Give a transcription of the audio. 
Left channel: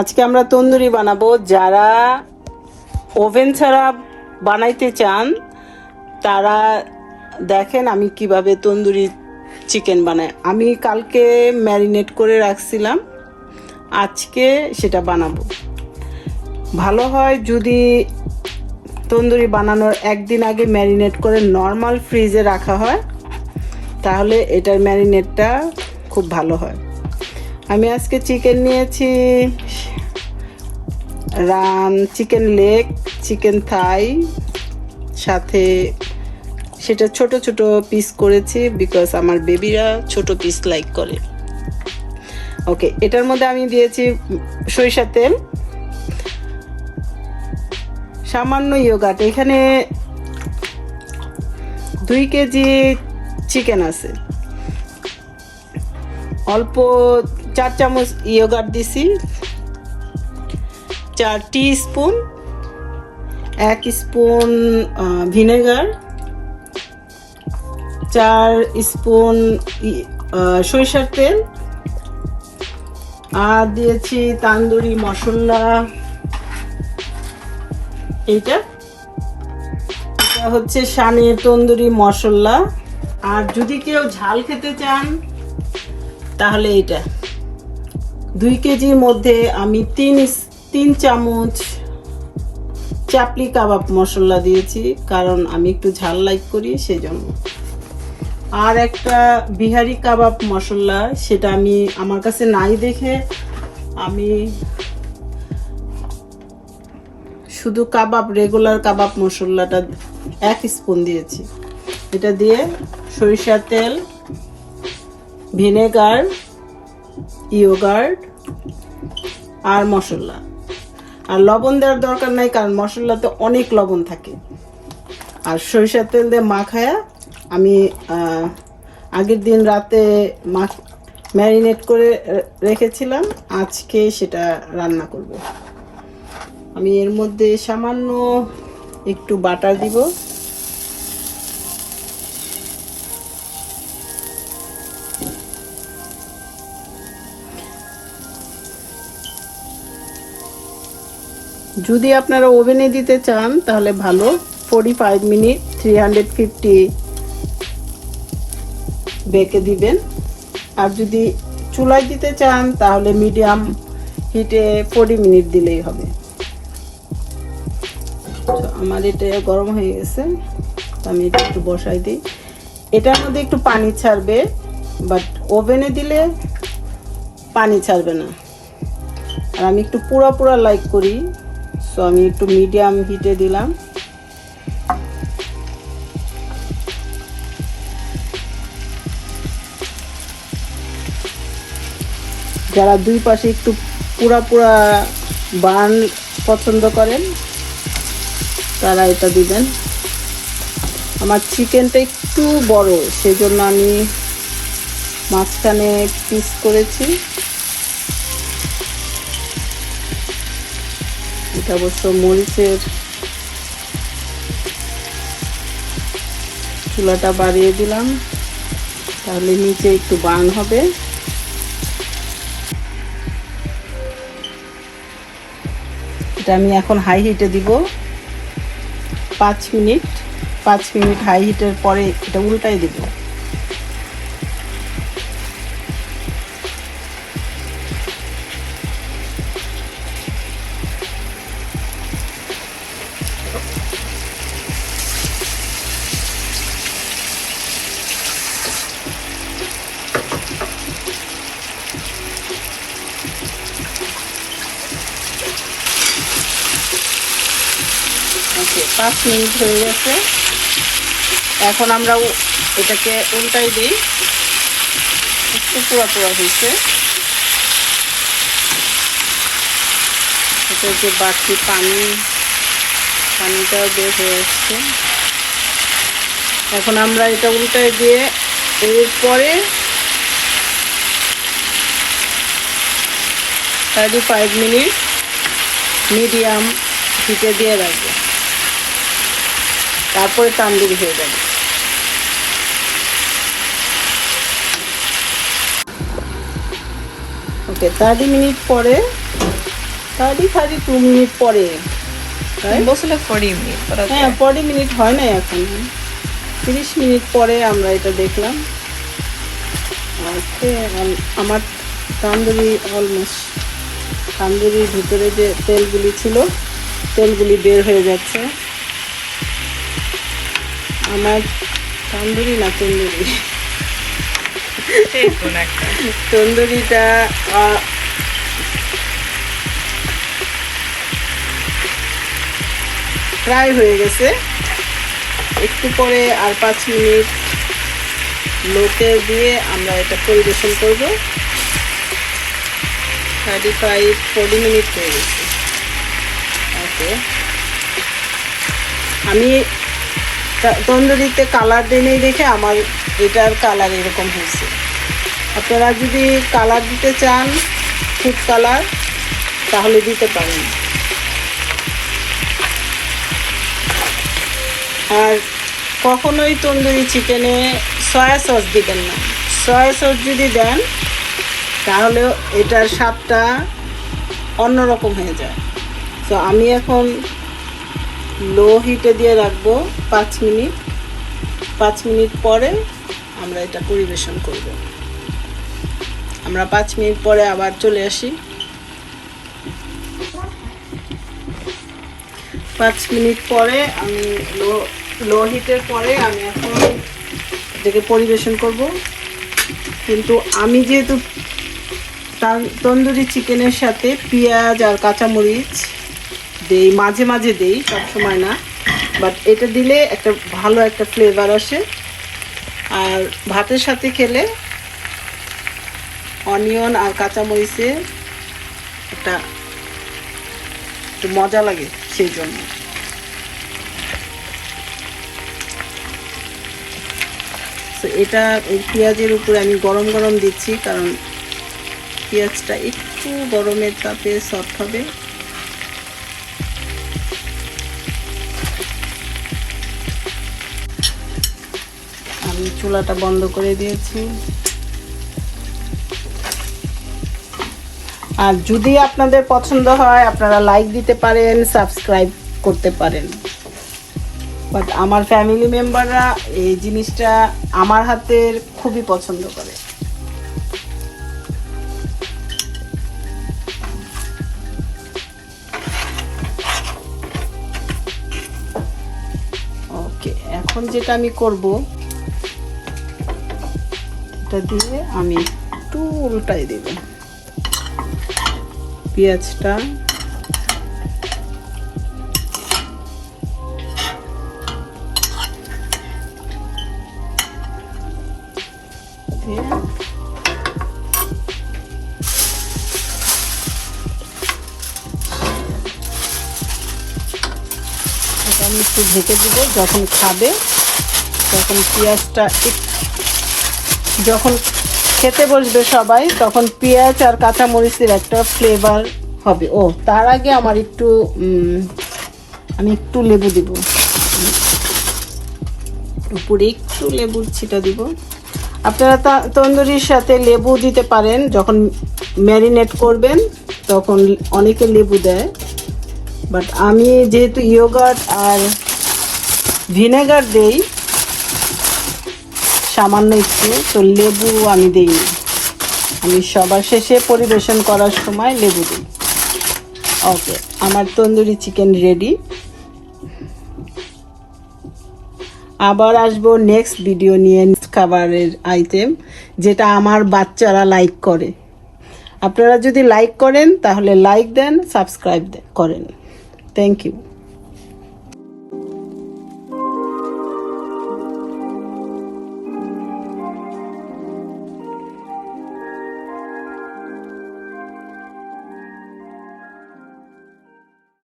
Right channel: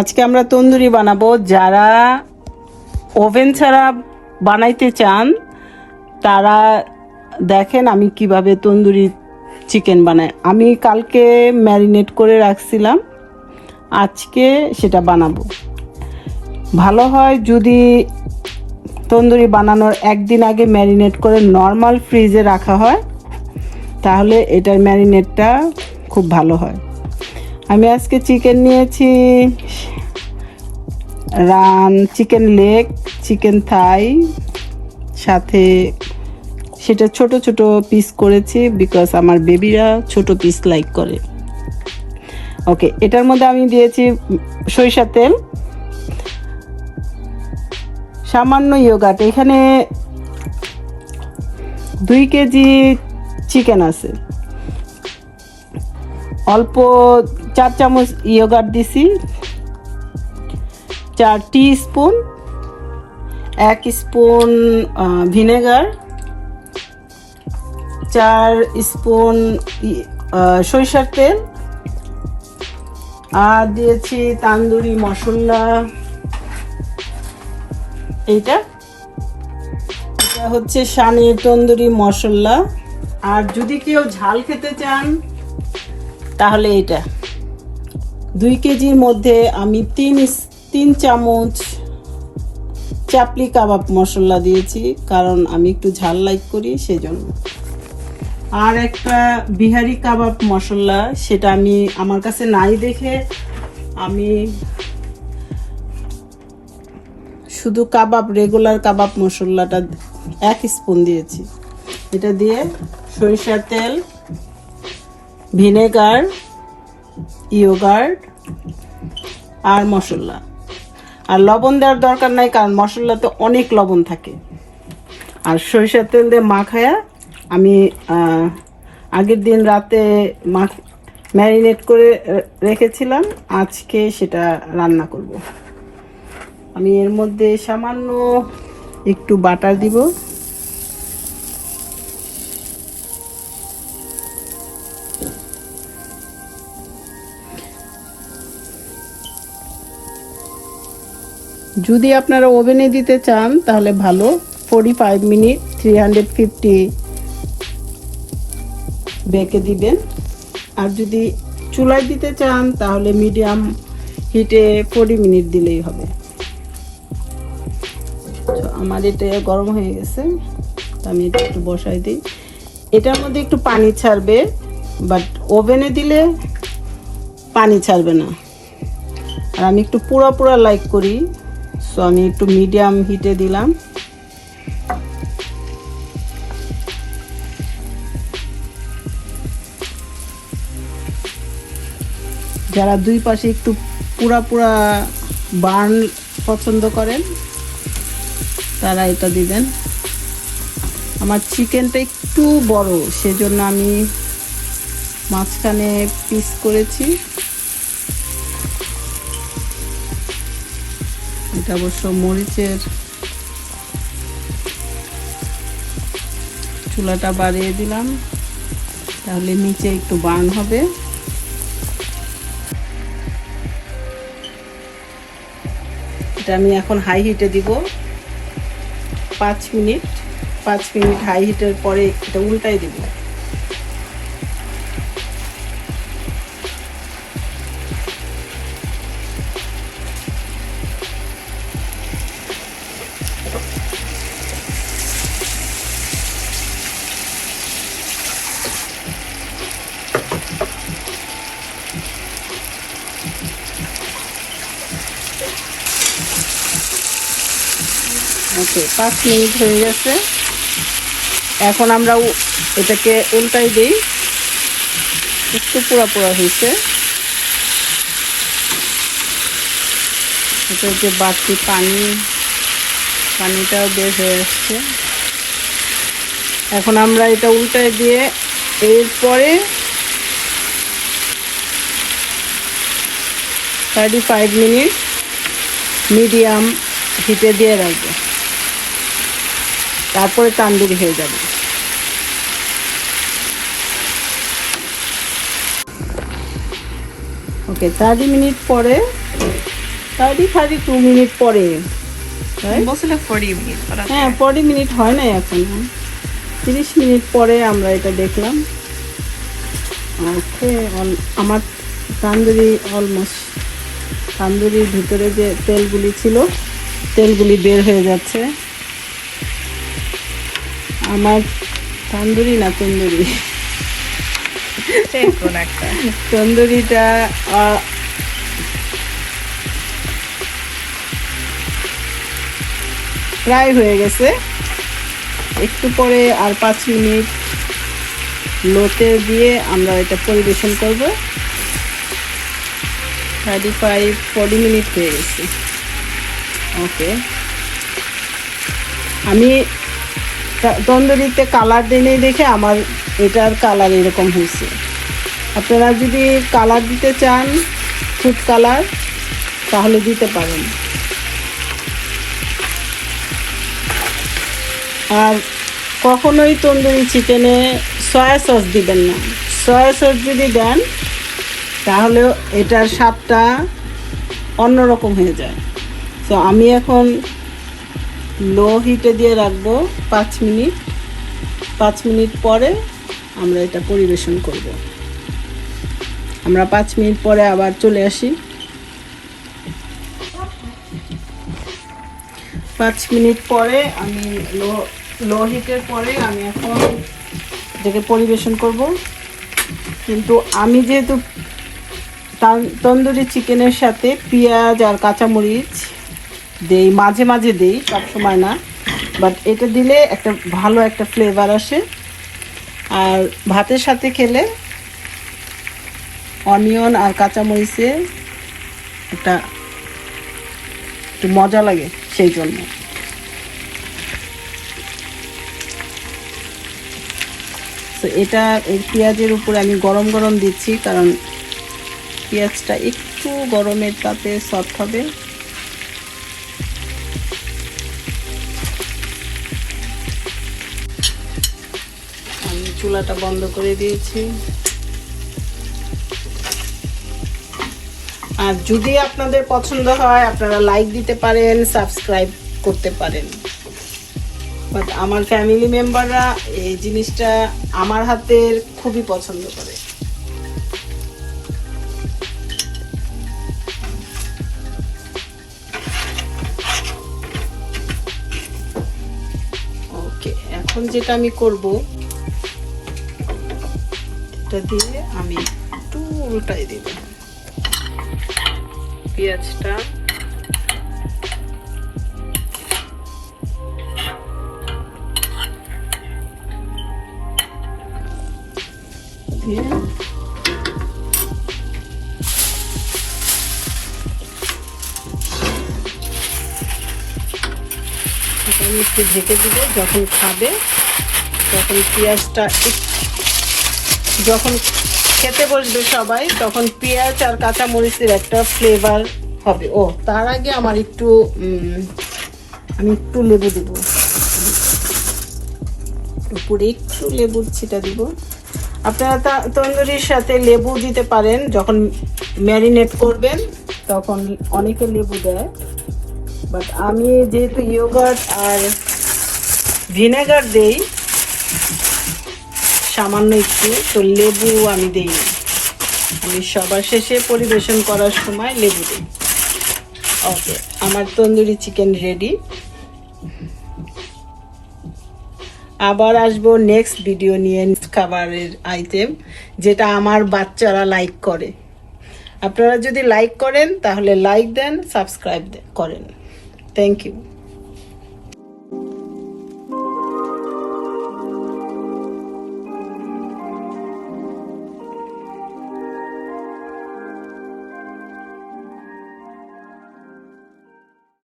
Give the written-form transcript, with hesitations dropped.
আজকে আমরা তন্দুরি বানাবো। যারা ওভেন ছাড়া বানাইতে চান তারা দেখেন আমি কিভাবে তন্দুরি চিকেন বানাই। আমি কালকে ম্যারিনেট করে রাখছিলাম, আজকে সেটা বানাবো। ভালো হয় যদি তন্দুরি বানানোর একদিন আগে ম্যারিনেট করে নর্মাল ফ্রিজে রাখা হয়, তাহলে এটার ম্যারিনেটটা খুব ভালো হয়। আমি আজকে চিকেন নিয়েছি, চিকেন লেগ, চিকেন থাই, সাথে সেটা ছোট ছোট পিস করেছি বিকজ আমার বেবিরা ছোট পিস লাইক করে। ওকে, এটার মধ্যে আমি দিয়েছি সরিষার তেল, সামান্য ইয়োগার্ট। এখানে 2 কেজি চিকেন আছে, অল্প 4 চামচ ইয়োগার্ট দিছি, 4 টিস্পুন, 1 স্পুন ভিনেগার, 4 স্পুন সরিষার তেল, আর দিয়েছি তান্দুরি মশলা। এটা হচ্ছে শানের তন্দুরি মশলা। আর যদি কেউ ঝাল খেতে চান তাহলে এটা 2 কেজির মধ্যে আমি 3 চামচ চাপলি কাবাব মশলা দিয়েছি, কারণ আমি একটু ঝাল লাইক করি সেই জন্য। আর একটা বিহারি কাবাব মশলা, সেটা আমি আমার কাছে নাই দেখে আমি শুধু কাবাব রেগুলার কাবাব মশলাটা 1 স্পুন দিয়েছি। এটা দিয়ে সরিষার তেল, ভিনেগার, ইয়োগার্ট আর মশলা। আর লবণ দেওয়ার দরকার নাই, কারণ মশলাতে অনেক লবণ থাকে। আর সরিষার তেল দিয়ে মাখায়া আমি আগের দিন রাতে ম্যারিনেট করে রেখেছিলাম, আজকে সেটা রান্না করব। আমি এর মধ্যে সামান্য একটু বাটার দিব, যদি আপনারা ওভেনে দিতে চান তাহলে ভালো, 45 মিনিট 350 বেকে দিবেন। আর যদি চুলায় দিতে চান তাহলে মিডিয়াম হিটে 40 মিনিট দিলেই হবে। আমার এটা গরম হয়ে গেছে, তো আমি এটা একটু বসাই দিই। এটার মধ্যে একটু পানি ছাড়বে, বাট ওভেনে দিলে পানি ছাড়বে না। আর আমি একটু পুরো পুরো লাইক করি, সো আমি একটু মিডিয়াম হিটে দিলাম। যারা 2 পাশে একটু পুরা পুরা বার্ন পছন্দ করেন তারা এটা দিবেন। আমার চিকেনটা একটু বড়, সেজন্য আমি মাঝখানে পিস করেছি। এটা অবশ্য মরিচের চুলাটা বাড়িয়ে দিলাম, তাহলে নিচে একটু বার্ন হবে। এটা আমি এখন হাই হিটে দিব 5 মিনিট। 5 মিনিট হাই হিটের পরে এটা উল্টাই দিব। ওকে, 5 মিনিট হয়ে গেছে। এখন আমরা এটাকে উল্টাই দিই। একটু পোড়া পোড়া হয়েছে, যে বাড়তি পানিটা বের হয়ে যাচ্ছে। এখন আমরা এটা উল্টাই দিয়ে এরপরে 35 মিনিট মিডিয়াম হিটে দিয়ে রাখবো, তারপরে তান্দুরি হয়ে যাবে। ওকে, 30 মিনিট পরে 32 মিনিট পরে বলছিলে 40 মিনিট। হ্যাঁ 40 মিনিট হয় না এখন, 30 মিনিট পরে আমরা এটা দেখলাম। আমার তান্দুরি অলমোস্ট, তান্দুরির ভিতরে যে তেলগুলি ছিল তেলগুলি বের হয়ে যাচ্ছে। আমার তান্দুরি না তন্দুরি, তন্দুরিটা ফ্রাই হয়ে গেছে। একটু পরে আর 5 মিনিট লোতে দিয়ে আমরা এটা পরিবেশন করব। 40 মিনিট হয়ে গেছে। ওকে, আমি তন্দুরিতে কালার দিই দেখে আমার এটার কালার এরকম হয়েছে। আপনারা যদি কালার দিতে চান, ফুড কালার, তাহলে দিতে পারেন। আর কখনোই তন্দুরি চিকেনে সয়া সস দিবেন না। সয়া সস যদি দেন তাহলে এটার স্বাদটা অন্যরকম হয়ে যায়। তো আমি এখন লো হিটে দিয়ে রাখবো 5 মিনিট। 5 মিনিট পরে আমরা এটা পরিবেশন করব। আমরা 5 মিনিট পরে আবার চলে আসি। 5 মিনিট পরে আমি লো হিটের পরে আমি এখন এটাকে পরিবেশন করব। কিন্তু আমি যেহেতু তন্দুরি চিকেনের সাথে পেঁয়াজ আর কাঁচামরিচ দেই, মাঝে মাঝে দেই, সবসময় না, বাট এটা দিলে একটা ভালো একটা ফ্লেভার আসে। আর ভাতের সাথে খেলে অনিয়ন আর কাঁচামরিচের একটা একটু মজা লাগে, সেই জন্য। তো এটা এই পেঁয়াজের উপরে আমি গরম গরম দিচ্ছি, কারণ পেঁয়াজটা একটু গরমের তাপে সফট হবে। আমি চুলাটা বন্ধ করে দিয়েছি। আর যদি আপনাদের পছন্দ হয় আপনারা লাইক দিতে পারেন, সাবস্ক্রাইব করতে পারেন। বাট আমার ফ্যামিলি মেম্বাররা এই জিনিসটা আমার হাতের খুবই পছন্দ করে। ওকে, এখন যেটা আমি করব, এটা দিয়ে আমি একটু উল্টাই দেব পেঁয়াজটা। আমি একটু ঢেকে দিব। যখন খাবে তখন পেঁয়াজটা, যখন খেতে বসবে সবাই, তখন পেঁয়াজ আর কাঁচামরিচের একটা ফ্লেভার হবে। ও, তার আগে আমার আমি একটু লেবু দিব, উপরে একটু লেবুর ছিটা দিব। আপনারা তন্দুরির সাথে লেবু দিতে পারেন, যখন ম্যারিনেট করবেন তখন অনেকে লেবু দেয়, বাট আমি যেহেতু ইয়োগার্ট আর ভিনেগার দেই সামান্য একটু, তো লেবু আমি দেই না। আমি সবার শেষে পরিবেশন করার সময় লেবু দিই। ওকে, আমার তন্দুরি চিকেন রেডি। আবার আসবো নেক্সট ভিডিও নিয়ে, খাবারের আইটেম যেটা আমার বাচ্চারা লাইক করে। আপনারা যদি লাইক করেন তাহলে লাইক দেন, সাবস্ক্রাইব করেন। Thank you.